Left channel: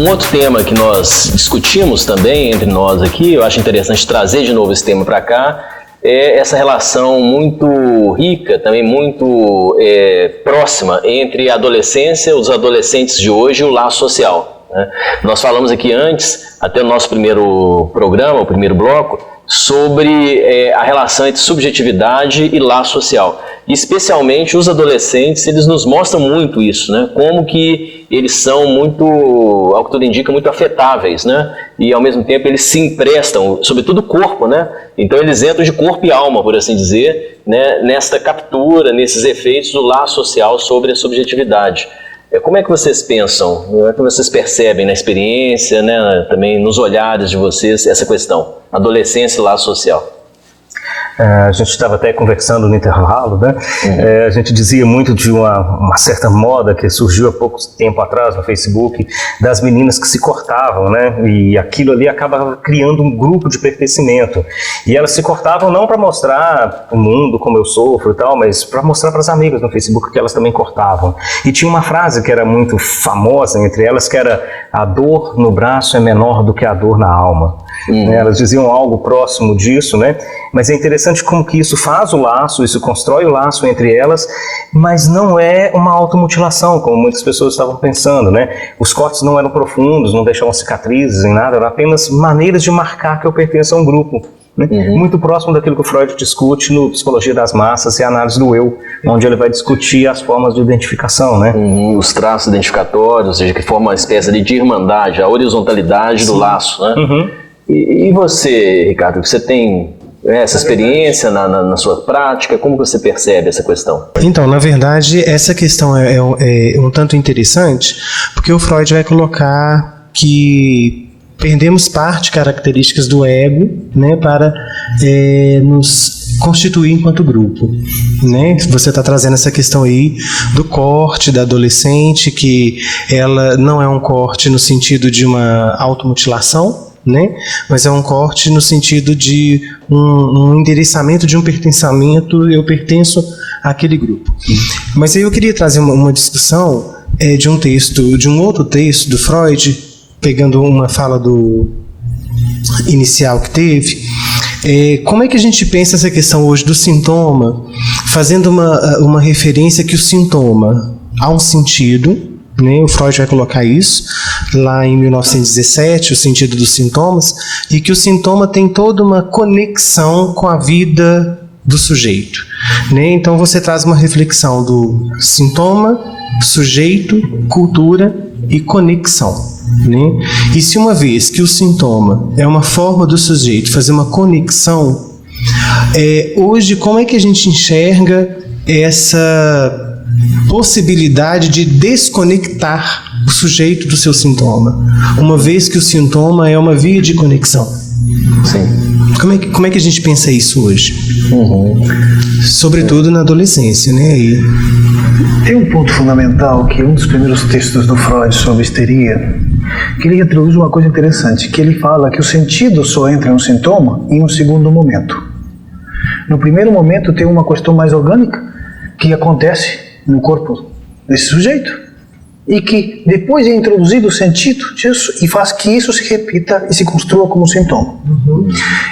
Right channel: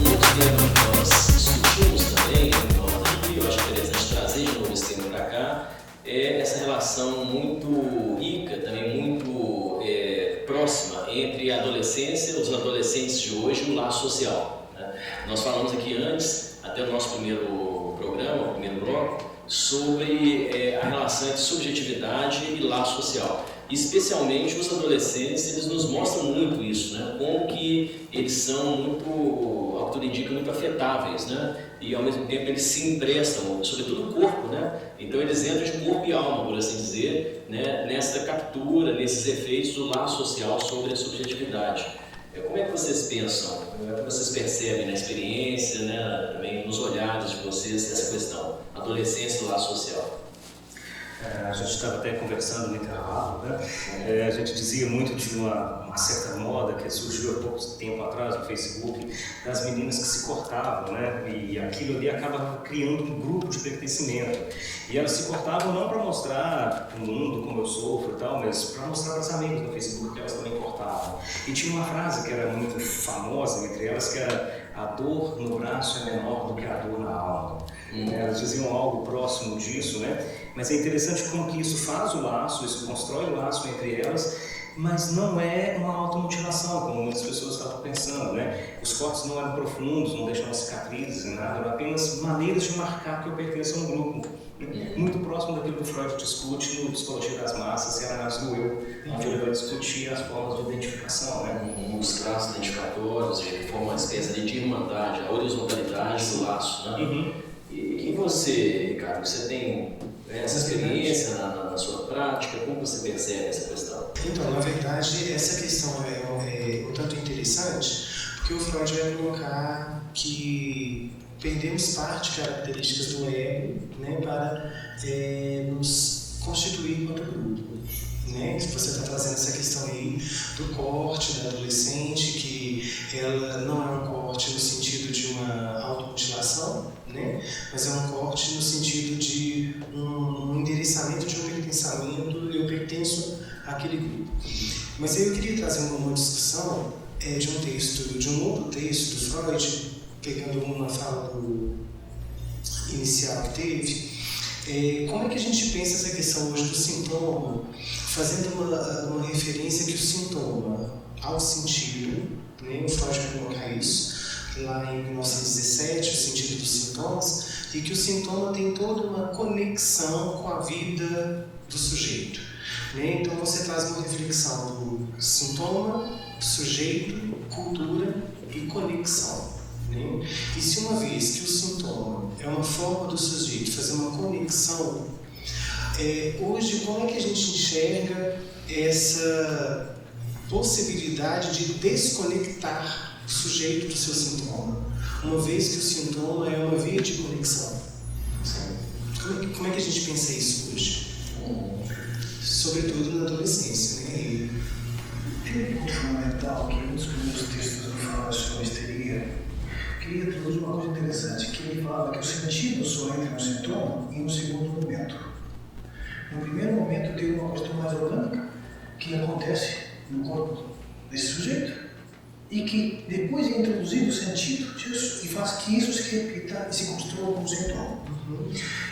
Um outro tema que nós discutimos também entre nós aqui, eu acho interessante trazer de novo esse tema para cá, é essa relação muito rica, também muito próxima entre a adolescência, os adolescentes de hoje e o laço social, né? Nós falamos aqui antes, até o nosso primeiro programa, o primeiro bloco, sobre a relação entre subjetividade e laço social. E especialmente os adolescentes, eles nos mostram muito isso, né? Como que eles são muito, ao que tudo indica, muito afetáveis, né? E ao mesmo tempo eles se emprestam, sobretudo o corpo, né? Então eles entram de corpo e alma, por assim dizer, né? Nesta captura, nesses efeitos do laço social sobre a subjetividade. Como é que vocês pensam, como é que vocês percebem na experiência, né, também nos olhares de vocês, essa questão, adolescência e laço social? A gente estava até conversando no intervalo, né? A gente dizia muito de uma certa moda que surgiu há pouco tempo atrás no Facebook, das meninas que se cortavam, né? E aquilo ali acaba criando um grupo de pertencimento. E elas se cortavam não para mostrar o mundo como eu sofro e tal, mas para mostrar para as amigas no Facebook que elas também cortavam. E tinha uma frase que era muito famosa entre elas, que era: a dor no braço é menor do que a dor na alma. Elas diziam algo próximo disso, né? Mas é interessante como que isso faz o laço, isso constrói o laço entre elas, mas não é uma automutilação, como muitas pessoas estavam pensando, né? Os cortes não eram profundos, não deixavam cicatrizes em nada, eram apenas maneiras de marcar que eu pertenço a um grupo, né? Muito próximo daquilo que o Freud discute no Psicologia das Massas e a Análise do Eu, onde ele vai discutir as formas de identificação, né? Os traços identificatórios, ou seja, que formam uma espécie de irmandade, a horizontalidade do laço, né? E você, Ricardo, você tem essa experiência na sua prática? Como você percebe essa questão? Então, na verdade, essa questão é um tanto interessante, porque o Freud vai colocar que perdemos características do ego, né, para nos constituir enquanto grupo, né? Você está trazendo essa questão aí do corte da adolescente, que ela não é um corte no sentido de uma automutilação, né? Mas é um corte no sentido de um endereçamento de um pertencimento, eu pertenço àquele grupo. Mas aí eu queria trazer uma discussão de um outro texto do Freud, pegando uma fala inicial que teve. Como é que a gente pensa essa questão hoje do sintoma, fazendo uma referência que o sintoma há um sentido, né? O Freud vai colocar isso lá em 1917, o sentido dos sintomas, e que o sintoma tem toda uma conexão com a vida do sujeito, né? Então você traz uma reflexão do sintoma, sujeito, cultura e conexão, né? E se uma vez que o sintoma é uma forma do sujeito fazer uma conexão, hoje como é que a gente enxerga essa possibilidade de desconectar o sujeito do seu sintoma, uma vez que o sintoma é uma via de conexão? Sim. Como é que a gente pensa isso hoje? Sobretudo na adolescência, né? Tem um ponto fundamental que um dos primeiros textos do Freud sobre histeria, que ele introduz uma coisa interessante, que ele fala que o sentido só entra no sintoma em um segundo momento. No primeiro momento tem uma questão mais orgânica que acontece no corpo desse sujeito e que depois é introduzido o sentido disso e faz que isso se repita e se construa como sintoma.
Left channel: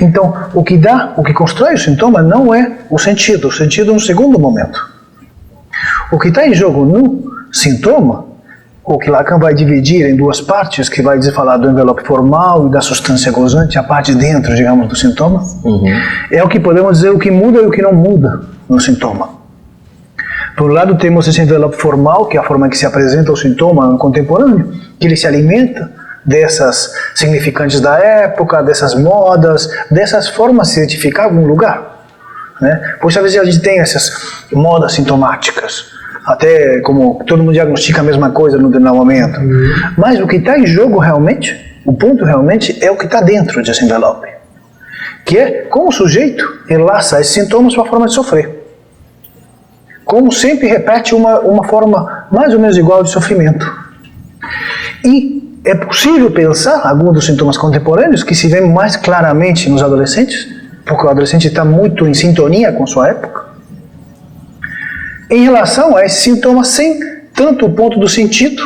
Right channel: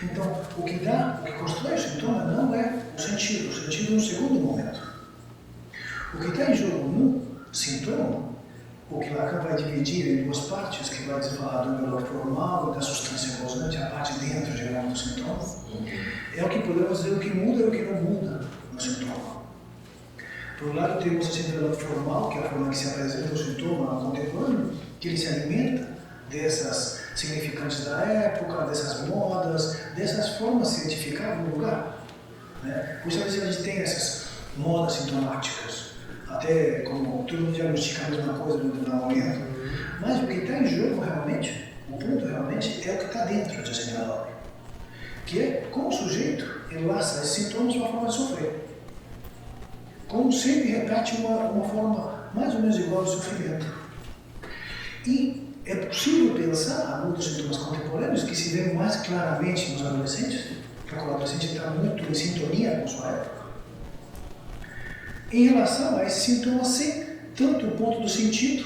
Então, o que constrói o sintoma não é o sentido no segundo momento. O que está em jogo no sintoma, o que Lacan vai dividir em duas partes, que vai falar do envelope formal e da substância gozante, a parte de dentro, digamos, do sintoma, é o que podemos dizer o que muda e o que não muda no sintoma. Por um lado temos esse envelope formal, que é a forma que se apresenta o sintoma contemporâneo, que ele se alimenta dessas significantes da época, dessas modas, dessas formas de se identificar algum lugar, né? Pois às vezes a gente tem essas modas sintomáticas, até como todo mundo diagnostica a mesma coisa no determinado momento. Mas o que está em jogo realmente, o ponto realmente é o que está dentro desse envelope, que é como o sujeito enlaça esses sintomas com a forma de sofrer. Como sempre repete uma forma mais ou menos igual de sofrimento. E é possível pensar alguns dos sintomas contemporâneos que se vê mais claramente nos adolescentes, porque o adolescente está muito em sintonia com sua época, em relação a esse sintoma sem tanto o ponto do sentido,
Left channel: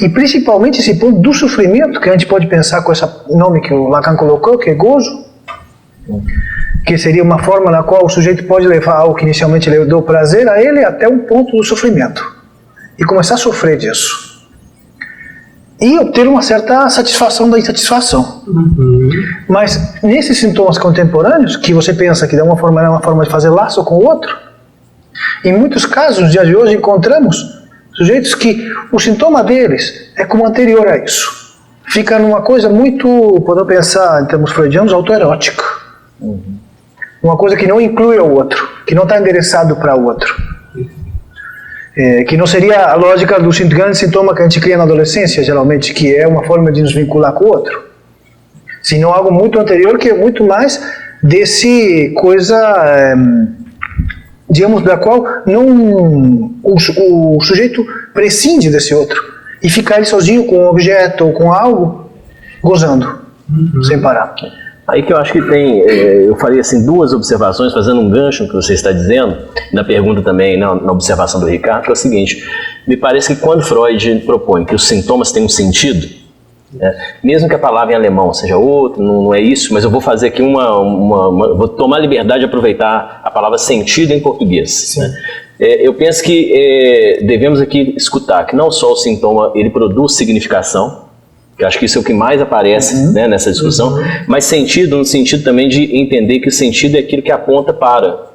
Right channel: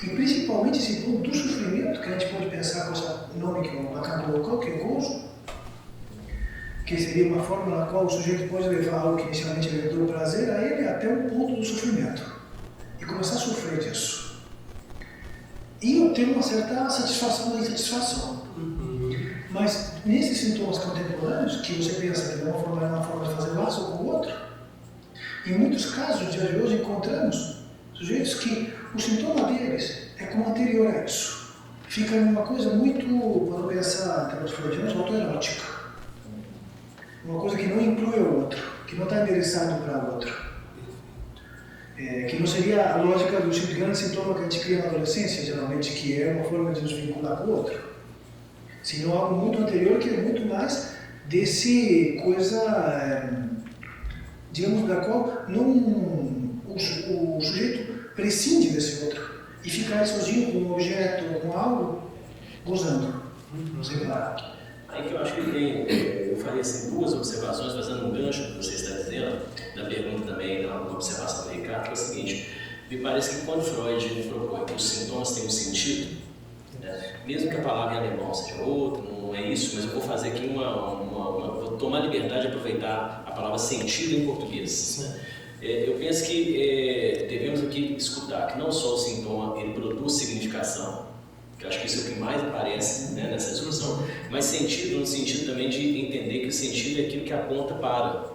E principalmente esse ponto do sofrimento, que a gente pode pensar com esse nome que o Lacan colocou, que é gozo, que seria uma forma na qual o sujeito pode levar algo que inicialmente lhe deu prazer a ele até um ponto do sofrimento e começar a sofrer disso. E obter uma certa satisfação da insatisfação. Mas nesses sintomas contemporâneos, que você pensa que de uma forma é uma forma de fazer laço com o outro, em muitos casos, nos dias de hoje, encontramos sujeitos que o sintoma deles é como anterior a isso. Fica numa coisa muito, podemos pensar em termos freudianos, autoerótica. Uma coisa que não inclui o outro, que não está endereçado para o outro. Que não seria a lógica do grande sintoma que a gente cria na adolescência, geralmente, que é uma forma de nos vincular com o outro. Senão algo muito anterior, que é muito mais desse coisa, digamos, da qual não o sujeito prescinde desse outro e fica ele sozinho com um objeto ou com algo, gozando, sem parar. Aí que eu acho que tem, eu faria assim 2 observações, fazendo um gancho no que você está dizendo, na pergunta também, na observação do Ricardo, que é o seguinte: me parece que quando Freud propõe que os sintomas têm um sentido, mesmo que a palavra em alemão seja outra, não é isso, mas eu vou fazer aqui vou tomar a liberdade de aproveitar a palavra sentido em português. Eu penso que devemos aqui escutar que não só o sintoma ele produz significação, que eu acho que isso é o que mais aparece nessa discussão, mas sentido no sentido também de entender que o sentido é aquilo que aponta para.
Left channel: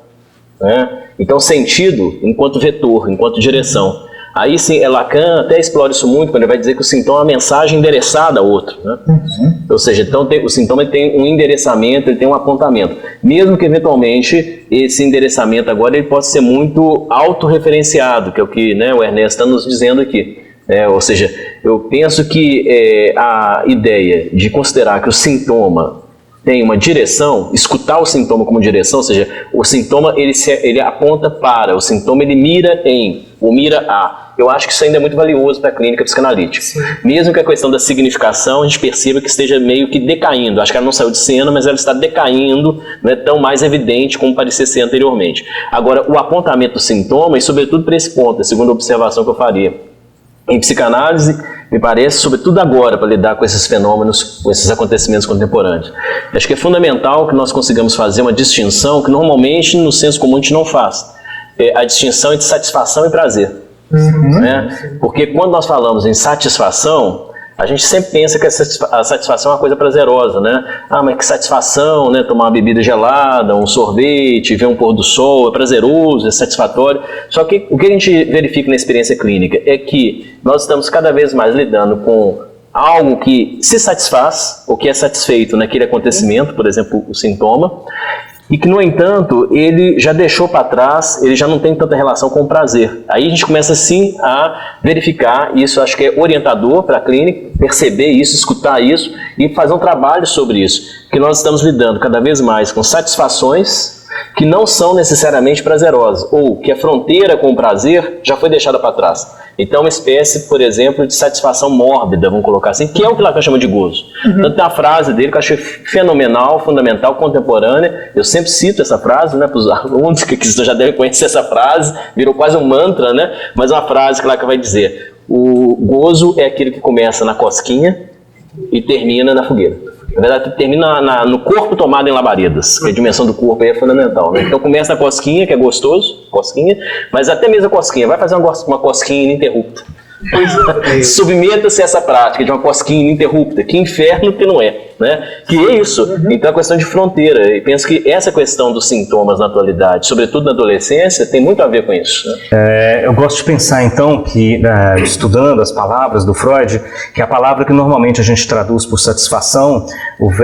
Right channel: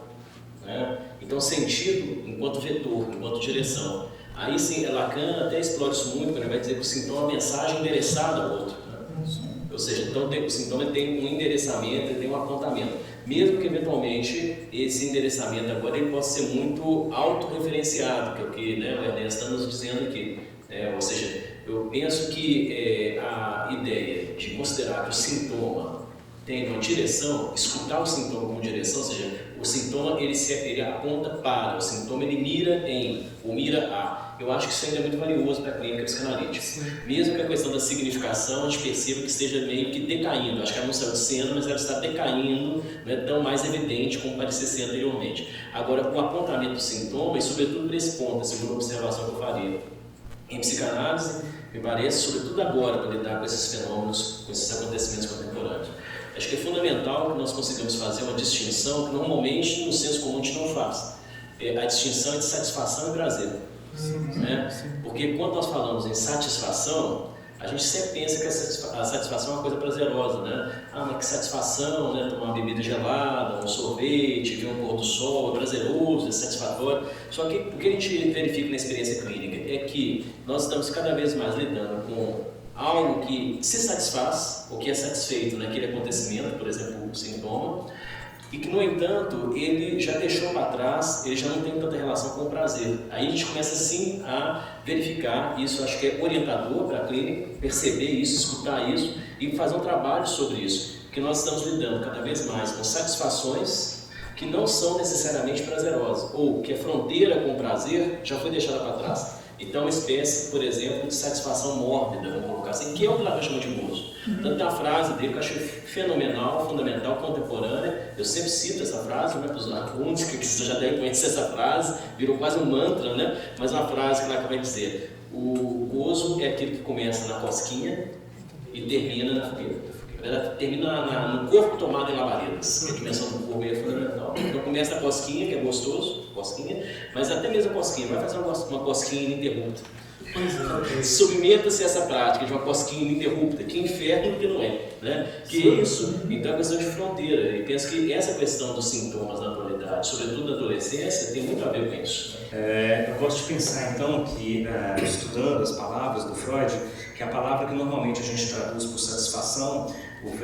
Então, sentido enquanto vetor, enquanto direção. Aí sim, Lacan até explora isso muito, quando ele vai dizer que o sintoma é uma mensagem endereçada ao outro. Ou seja, então o sintoma tem um endereçamento, ele tem um apontamento. Mesmo que eventualmente esse endereçamento agora ele possa ser muito autorreferenciado, que é o que o Ernesto está nos dizendo aqui. Ou seja, eu penso que a ideia de considerar que o sintoma tem uma direção, escutar o sintoma como direção, ou seja, o sintoma ele aponta para, o sintoma ele mira em, ou mira a. Eu acho que isso ainda é muito valioso para a clínica psicanalítica. Sim. Mesmo que a questão da significação a gente perceba que esteja meio que decaindo. Acho que ela não saiu de cena, mas ela está decaindo, não é tão mais evidente como parecia ser anteriormente. Agora, o apontamento do sintoma, e sobretudo para esse ponto, a segunda observação que eu faria, em psicanálise, me parece, sobretudo agora, para lidar com esses fenômenos, com esses acontecimentos contemporâneos. Acho que é fundamental que nós consigamos fazer uma distinção que normalmente no senso comum a gente não faz. A distinção entre satisfação e prazer. Porque quando nós falamos em satisfação, a gente sempre pensa que a satisfação é uma coisa prazerosa, mas que satisfação, tomar uma bebida gelada, um sorvete, ver um pôr do sol, é prazeroso, é satisfatório. Só que o que a gente verifica na experiência clínica é que nós estamos cada vez mais lidando com algo que se satisfaz, ou que é satisfeito naquele acontecimento, por exemplo, o sintoma, e que, no entanto, ele já deixou para trás, ele já não tem tanta relação com o prazer. Aí a gente começa, sim, a verificar, e isso acho que é orientador para a clínica, perceber isso, escutar isso e fazer um trabalho sobre isso, que nós estamos lidando cada vez mais com satisfações que não são necessariamente prazerosas, ou que a fronteira com o prazer já foi deixada para trás. Então, uma espécie, por exemplo, de satisfação mórbida, vamos colocar assim, que é o que Lacan chama de gozo. Tanto tem a frase dele que eu achei fenomenal, fundamental, contemporânea. Eu sempre cito essa frase, para os alunos que já devem conhecer essa frase, virou quase um mantra, mas é uma frase que Lacan vai dizer: o gozo é aquele que começa na cosquinha e termina na fogueira. Na verdade, termina no corpo tomado em labaredas, que a dimensão do corpo aí é fundamental. Então começa a cosquinha, que é gostoso, cosquinha, mas até mesmo a cosquinha, vai fazer uma cosquinha ininterrupta. Submeta-se a essa prática de uma cosquinha ininterrupta. Que inferno que não é, Que é isso. Então é questão de fronteira. E penso que essa questão dos sintomas na atualidade, sobretudo na adolescência, tem muito a ver com isso. Eu gosto de pensar então que, estudando as palavras do Freud, que a palavra que normalmente a gente traduz por satisfação,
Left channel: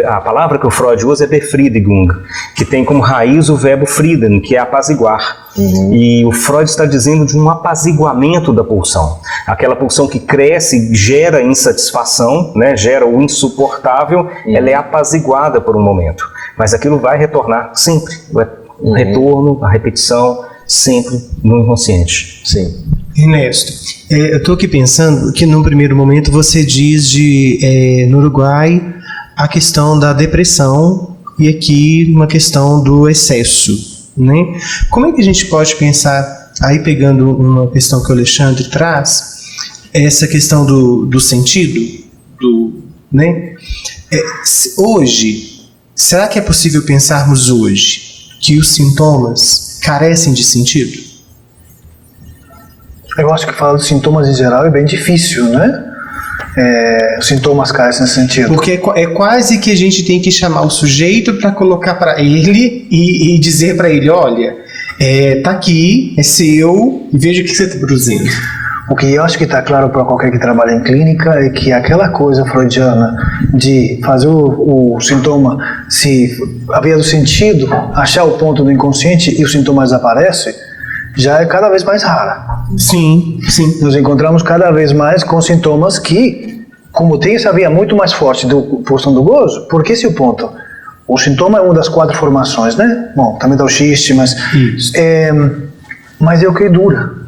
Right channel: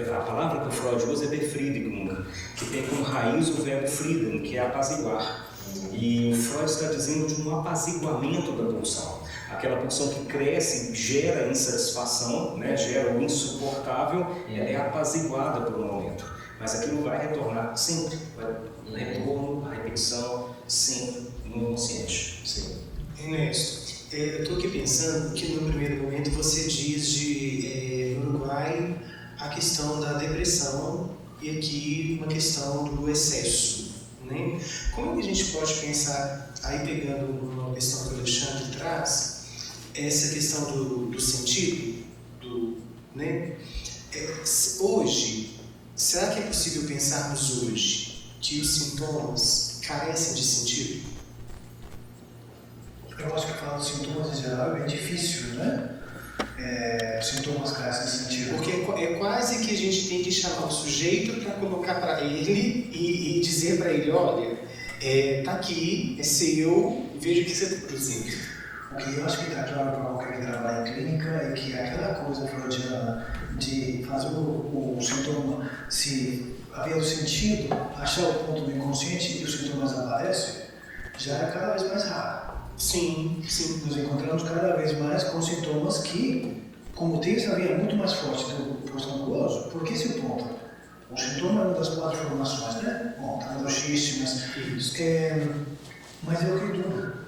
a palavra que o Freud usa é Befriedigung, que tem como raiz o verbo frieden, que é apaziguar. E o Freud está dizendo de um apaziguamento da pulsão. Aquela pulsão que cresce, gera insatisfação, gera o insuportável, ela é apaziguada por um momento. Mas aquilo vai retornar sempre. O retorno, a repetição, sempre no inconsciente. Sim. Ernesto, eu estou aqui pensando que num primeiro momento você diz no Uruguai a questão da depressão e aqui uma questão do excesso. Como é que a gente pode pensar, aí pegando uma questão que o Alexandre traz, essa questão do sentido, né? Hoje, será que é possível pensarmos hoje que os sintomas carecem de sentido? Eu acho que falar dos sintomas em geral é bem difícil, né? Os sintomas carecem de sentido. Porque é quase que a gente tem que chamar o sujeito para colocar para ele e dizer para ele, olha, tá aqui, é seu, e veja o que você está produzindo. O que eu acho que está claro para qualquer que trabalha em clínica é que aquela coisa freudiana de fazer o sintoma, a via do sentido, achar o ponto do inconsciente e os sintomas desaparecem, já é cada vez mais rara. Sim, sim. Nos encontramos cada vez mais com sintomas que, como tem essa via muito mais forte do pulsão do gozo, porque esse é o ponto. O sintoma é uma das 4 formações, né? Bom, também dá o xiste, mas é o que dura.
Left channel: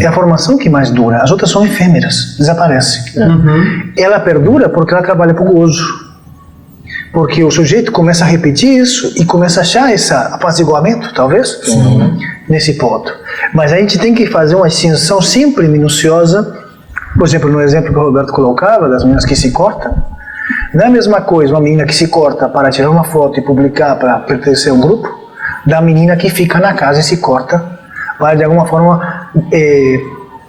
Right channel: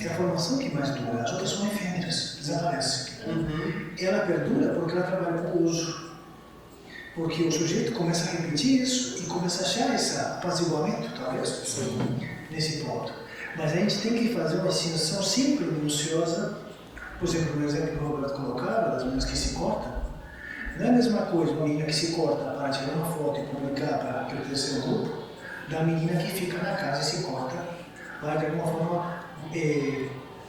É a formação que mais dura. As outras são efêmeras, desaparecem. Ela perdura porque ela trabalha para o gozo. Porque o sujeito começa a repetir isso e começa a achar esse apaziguamento, talvez, nesse ponto. Mas a gente tem que fazer uma distinção sempre minuciosa. Por exemplo, no exemplo que o Roberto colocava, das meninas que se cortam, não é a mesma coisa uma menina que se corta para tirar uma foto e publicar para pertencer a um grupo, da menina que fica na casa e se corta para, de alguma forma,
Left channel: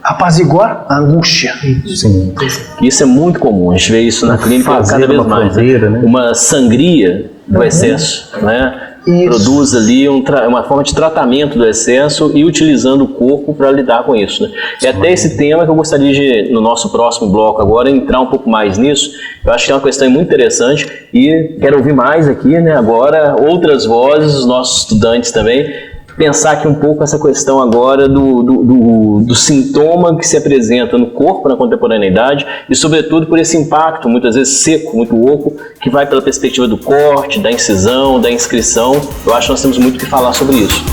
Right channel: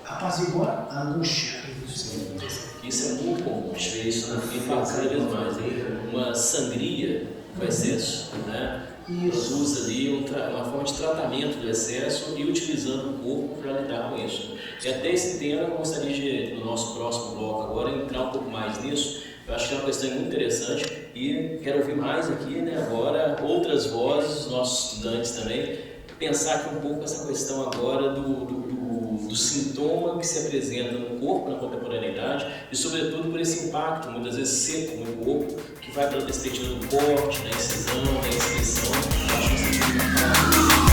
apaziguar a angústia. Sim. Isso é muito comum, a gente vê isso na clínica cada vez mais. Né? Uma sangria do excesso, né? Produz ali uma forma de tratamento do excesso e utilizando o corpo para lidar com isso, né? E até esse tema que eu gostaria de, no nosso próximo bloco agora, entrar um pouco mais nisso. Eu acho que é uma questão muito interessante e quero ouvir mais aqui, né? Agora, outras vozes, os nossos estudantes também, pensar aqui um pouco essa questão agora do sintoma que se apresenta no corpo na contemporaneidade e, sobretudo, por esse impacto, muitas vezes seco, muito oco, que vai pela perspectiva do corte, da incisão, da inscrição. Eu acho que nós temos muito que falar sobre isso.